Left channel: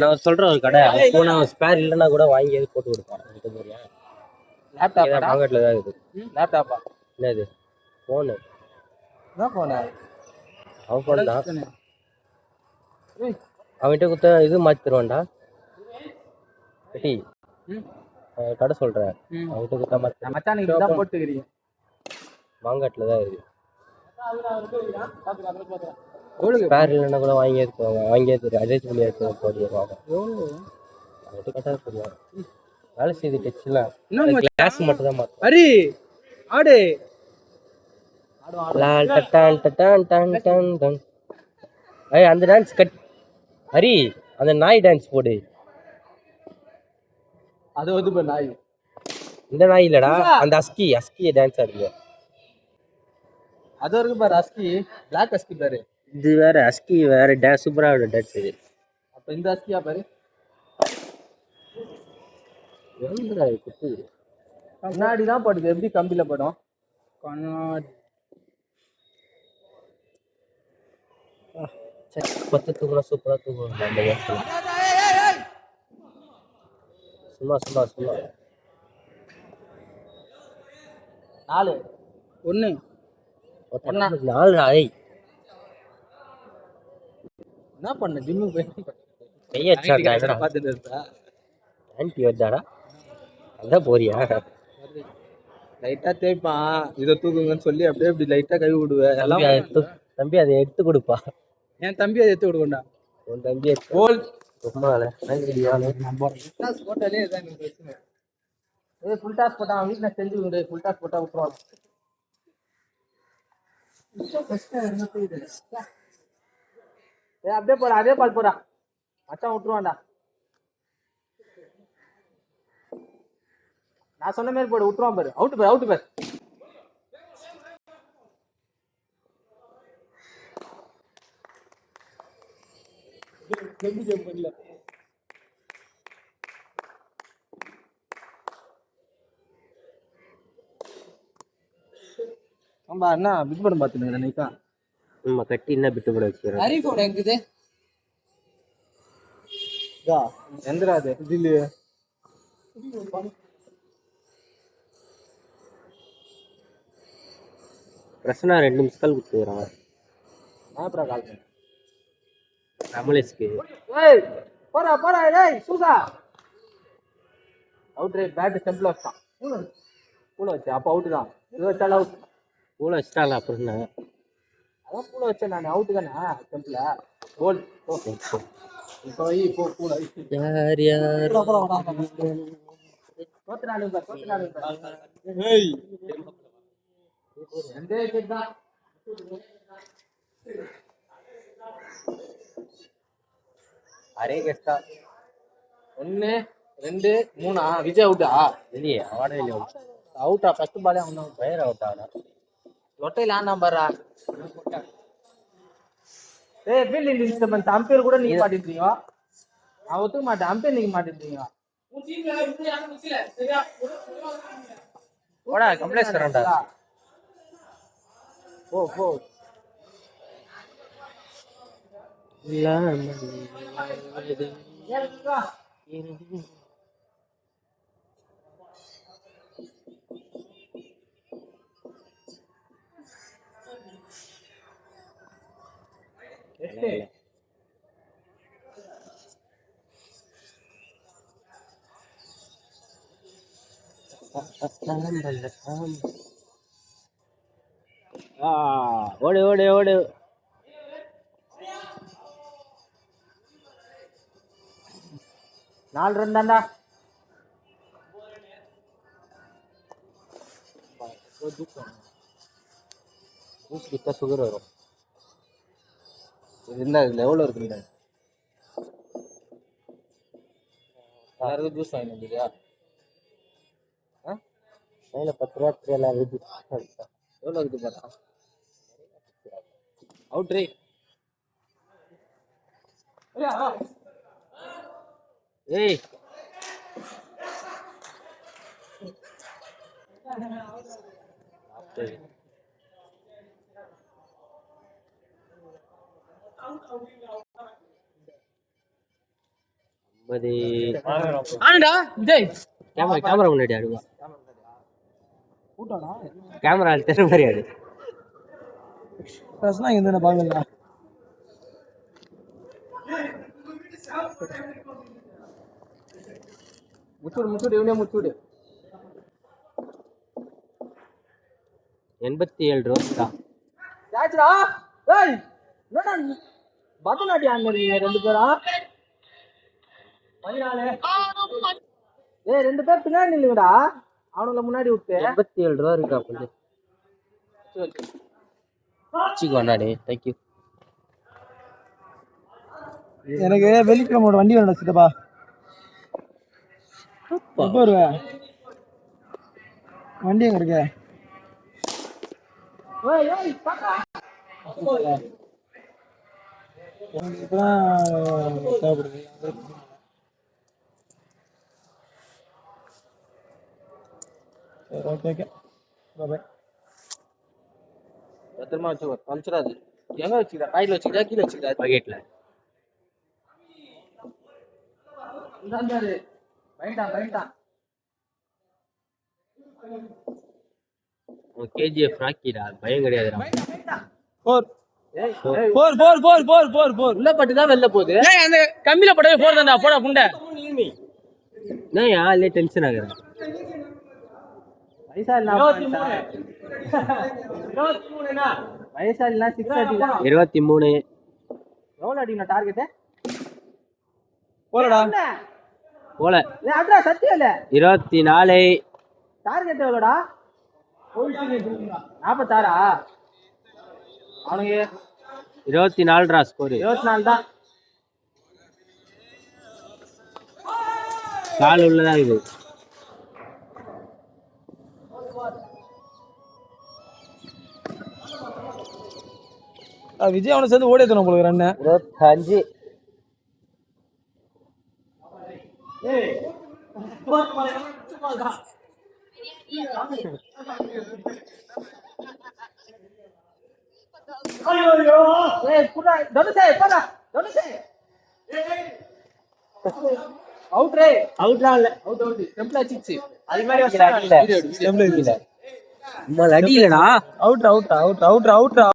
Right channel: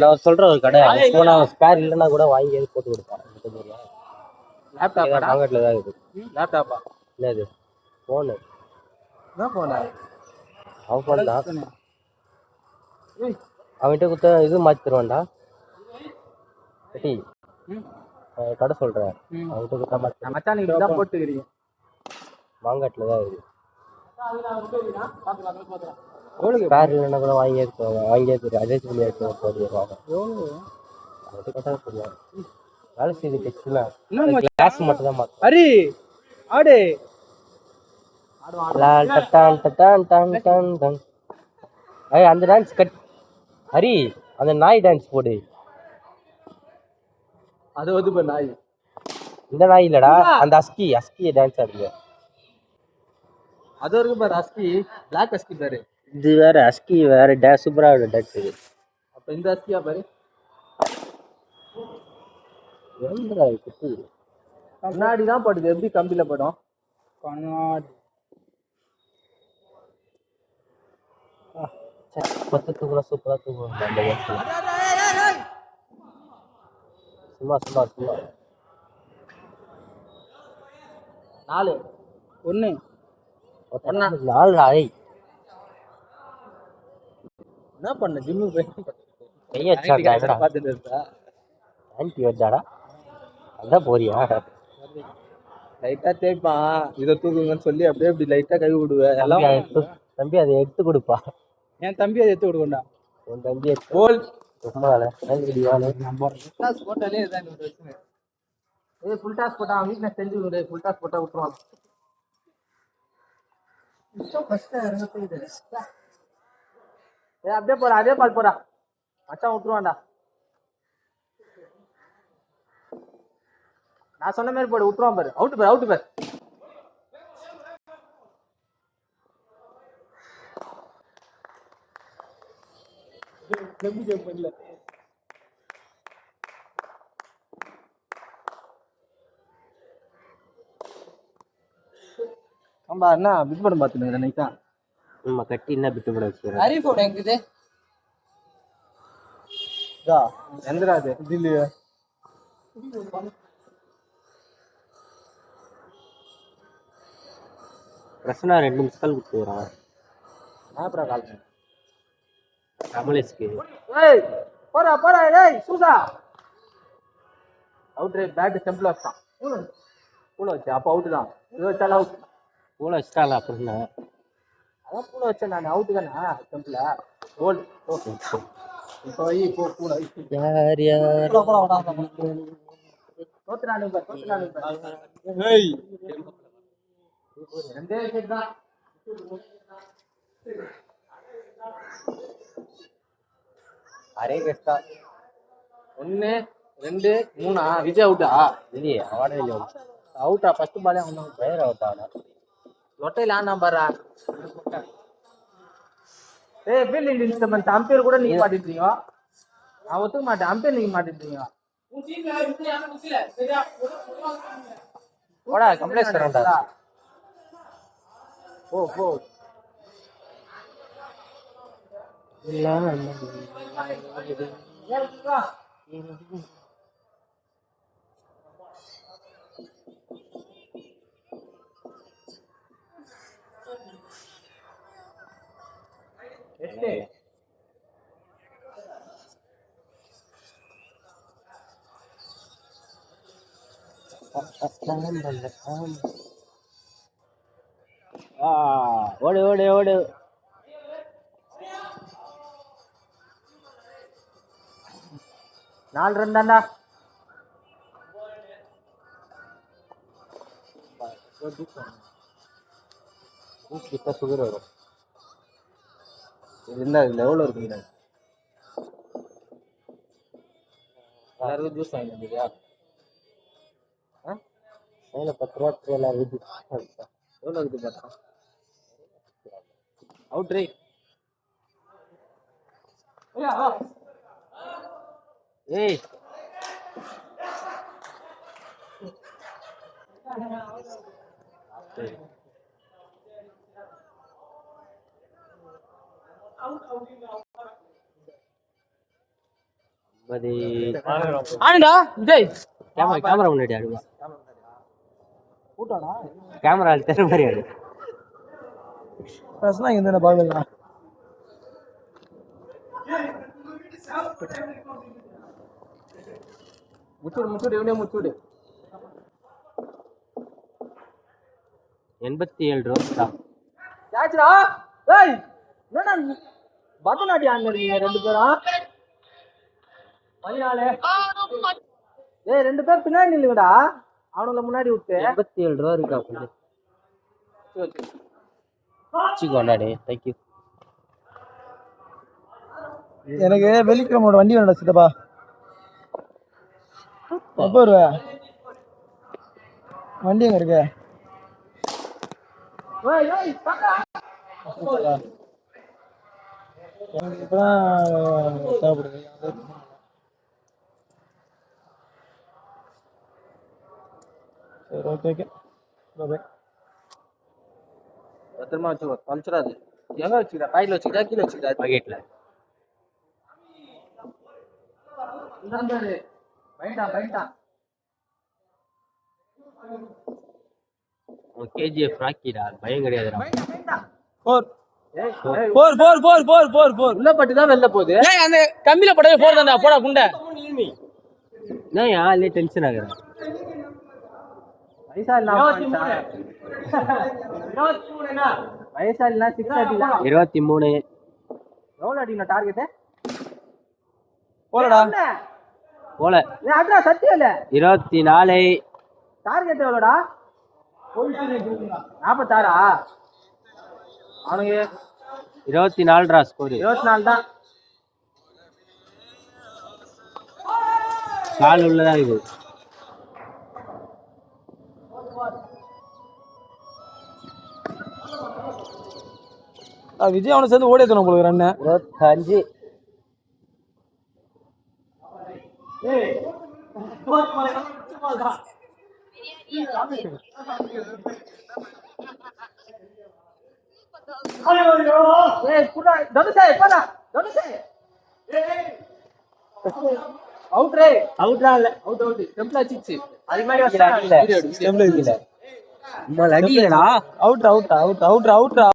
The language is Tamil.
நான் சொல்றேன் ஒரு கடை போனா ஸ்பேர் இல்லைன்னா கூட வாங்கி போட்டு கொடுப்பான். லேப்டாப் மார்க்கெட்ல தான் இருக்குது. லேப்டாப்பா என்னது ஃபோனு என்ன ஃபோனு அவன் ஃபோன் தான். அவன்கிட்ட கொடுத்த இது மாற்றி தருவான்டா கட்டி கடை சொல்கிறேன். அவன்கிட்ட கொடுத்தா மாற்றி மச்சானுக்கு தான் போட்டுக்கிறீங்க. மாங்காட்டில் தான் இருக்குது. ஸ்பேர் இல்லைன்னா கூட வாங்கி அட்ஜஸ்ட் பண்ணி எடுத்து அவன்கிட்ட கேட்டால் சொல்லுவான். வேலை செய்து டச்சுலாம் கிளாஸ் மட்டும் தான் மாற்றும். ஹரி ஆடு அந்த டான்ஸ் கட் ஹரி அந்த நாய் டான்ஸ் போடு. அது வந்து நாய் இந்த நாய் இல்லடா அந்த அஸ்கி டான்ஸ் ஆடுங்க. அது வரைக்கும் பாரு அஸ்கி பிளாக் அஸ்கி பாரு. இது வேற அஸ்கி வேற டான்ஸ் சூப்பரா ஆடும் டான்ஸ் இது. அப்ப இந்த அஸ்கியா பாரு எங்கடா இருக்கு கண்ணாடி தான் படுது. எப்படி கம்பியில படும் கண்ணாடி பத்தத்துக்குள்ள சூப்பரா தூங்குவோம். சும்மா 4 1 4 ஆய் என்ன பண்ண ஜிம்முக்கு போய் பார்த்துட்டு இருந்தா ஆன்டி வந்தாடா அதான் போறியா லைட்டா தேய்ப்பான். இதை தூக்குங்கன்னு சொல்லி அப்படியே இப்படி லைட்டா கை விடுவேன். தம்பி அதை எடுத்து கொடுப்பா. என் தம்பி அதை எடுத்து கொடுக்கண்டா. என் தம்பி போல் போட்டாலே இதான் பிரச்சனை. ஃபுல் டாஸ் போட்டா அவன் வீட்டில் செஞ்சு விடு. ஃபுல் டாஸ் போட்டா விட்டுருவான். அப்படியே போறா அதே பால் போறா மச்சான் விட்டுருவான்டா. நான் சொன்ன மாதிரி போடு விட்டுருவான் பாரு. அவுட்டு பாரு பண்ணல. ஆமா என்ன பிட் படம் பார்த்துட்டு நைட்டா நம்ம கட்டி என்ன பிட்டு படம் வச்சுக்கிறேன். ஹரிஃபோன் எங்குது எந்திரா அது இல்லையே பிரச்சனை 2 மிஸ்கால் கொடுத்துக்கிறான். நான் கால் பண்ணேன் அமலேஷ்க்கு. ஏய் போடா ஏய் சூசா அவுட் ரேட் பேட் ஸ்டெம்பிள் வச்சான். பூல வச்சு அப்போ அவுட்டு தான். இது வச்சாலும் அவுட். பூல வச்சுட்டால அப்புறம் என்ன அதான் பூல வச்சேன் நான். அவுட்டு தானே ஸ்டெம்பிள் கோல். ஓகே இப்போ போ பூல யார் தோத்துறானுங்க ஏய் எந்த செட் தான் அரே கெஸ்டா 1 2 3 விஜய் அவுட்டா இல்லையே அவனே இல்லையா அவுட்டா ஃபர்ஸ்ட் பாலே அவன் ஃபயர் அவுட்டா லொட்டையில ஆனா பாரா. ஏய் ஃபீல்டிங் டிஸ்டர்பன்ஸ் அம்பையர் கூட நீங்க மாட்டிட்டீங்க. நான் ஒத்துக்க மாட்டேன். அம்பையர் நீங்க மாட்டிட்டீங்க. போடா கம்ப்ளைண்ட் தரேன்டா. போ ஓடு 4 ரன் தான்டா. கிட்ட சுகர் வரும். என்ன லெவலில் இருக்குங்க எல்லாருக்கும் ஜூஸ் வாங்கிட்டு இல்லையா? மேலே 10 ரூபா எல்லாரும் ஜூஸ் எவ்வளோ இருக்குது பார்த்தா அவுட் ரே. ஏய் ஆனடா விஜய் கேமரா முன்னாடி ஆடுவா கேமரா தெரு மாதிரி ஆடு பிரச்சனை இந்த பாக்கல முச்சூடு இவனே முச்சூடு 87 ரூபா யாச்சுடா ஏய் என்னடா பட்டனாடி ஆடுறீங்க ரெண்டு பேரா 14 ஏய் ரெண்டு பேர் பின்னாடி நில்லுங்கடா அவங்கள முன்னாடி விட்டு 87 ரூபா இருக்கா கொஞ்சம் வச்சுக்கோண்ணாடே தேங்க்யூ எனக்கு வெள்ளிக்கிழமை வண்டி வேணும்டா சித்தப்பா எப்போ வருவ வண்டி எங்க இருக்கு இப்பதான் தேவைப்படுது சரி ஓகே ஓகே பாய் பத்திரமா வச்சுக்கோ பஞ்சராது எங்க வச்சுக்கிட்டா கையில் வச்சுக்கிட்டா கீழே வச்சுக்கிட்டா பாக்கெட்ல கேஜிஎஃப் ராக்கிடா பயம் கிடையாதுடா உள்ள பட்டுதான் வெளில போகுது அந்த கம்மியில பட்டவே போர் தான்டா போடா குண்டை நான் இல்ல டென்ஷன் ஆகுறேன் வயசாலி 23 எவ்வளவு அடிக்கணும் டார்கெட் போலடா போல அட்ரா சத்தியம் இல்ல 24 டார்கெட் எவ்வளோடா 46 அவனுக்கு 24 ஸ்கோர் 24 தான் கால் உள்ளதான் இது விஜய் அவனை சேர்ந்து ஓடி எத்தனை உங்களுக்கு ரன் 25 அவுட்